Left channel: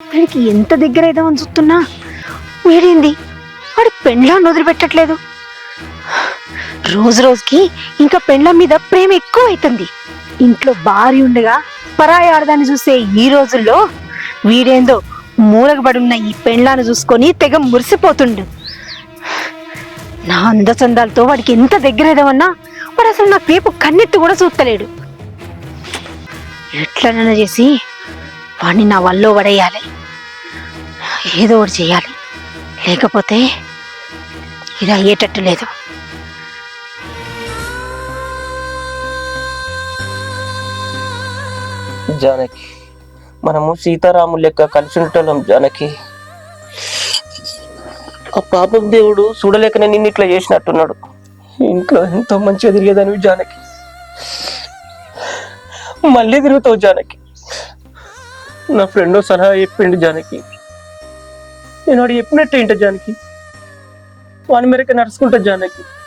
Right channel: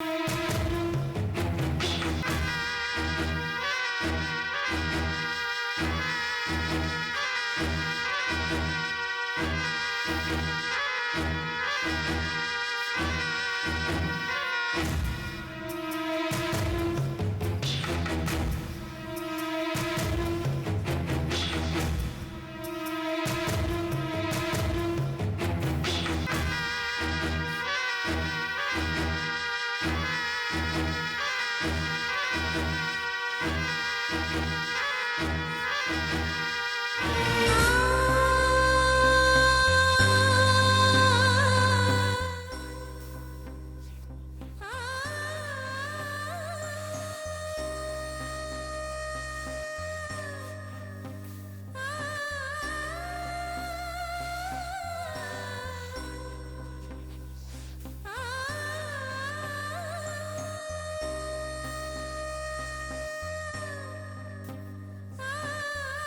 వీడికి ఎంత దగ్గర అయిదామని చూస్తున్నా వీడేంది వాడు పెండ్లాన్ని వదిలిపెట్టట్లేదు. రోజు రోజుకి ఇంకా పెండ్ల మీద ప్రేమ ఎక్కువ అవుతుంది ఇంట్లో భార్య ఉండగా పరాయి ఆడదాన్ని చూసే ఈ రోజుల్లో వీడేందో మూలగబడి ఉన్న ఈ పెండ్లాన్ని చూసుకొని తెగ మురిసిపోతుండు. నా అందచందాలతో వాడికి ఎంత దగ్గర దగ్గరేదామన్నా వాడు అసలు నా పేపు కన్నెత్తి కూడా చూస్తలేడు. ఎట్లనైనా చేసి వాడిని నా వల్లో పడేయాలి ఏదో ఒకటి చేయాలి. లేకపోతే ఇది అయ్యేటట్టు లేదు. జానకి మనము సీతారాములు లెక్క కలిసి ఉంటున్నాం జానకి. ఆ పాపం దేవుడు చూడలేకనే నిన్ను ఇట్లా చేసినట్టున్నాడు. ఇంట్లో ఎంతో మంచిగా తిరిగేదానివి జానకి. మళ్ళీ తిరుగుతావు జానకి. నా ఫ్రెండ్ సలహా చెప్పిండు జానకి. నేను వాడు చెప్పినట్టు ఏంటో జానకి. వాని మేరకు నడుచుకుంటా జానకి.